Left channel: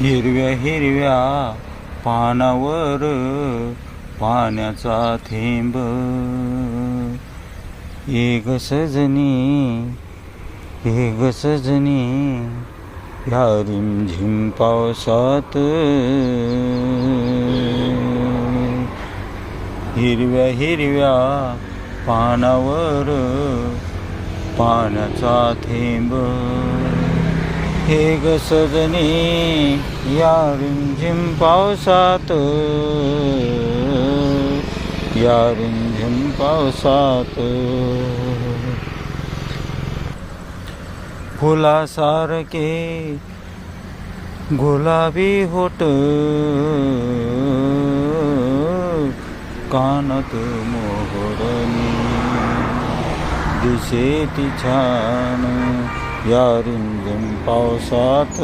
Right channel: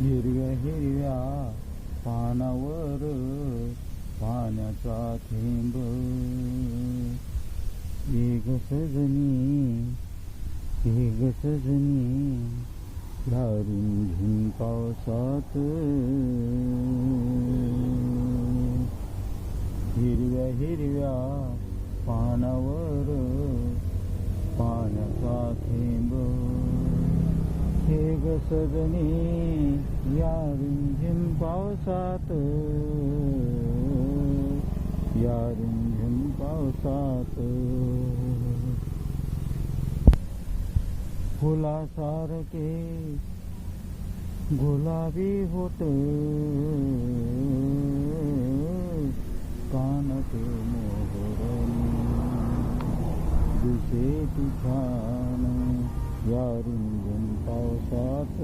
हिरव्या हिरव्या पानावर पाण्याचा थेंब, एक सजनी या रिमझिम पावसात, हिरव्या हिरव्या पानावर पाण्याचा थेंब, हे ग सजनी या रिमझिम पावसात, या रिमझिम पावसात. फुलासारखे गुलाबी होठ, कानात मोहरणी दिसे ती छान, या रिमझिम पावसात.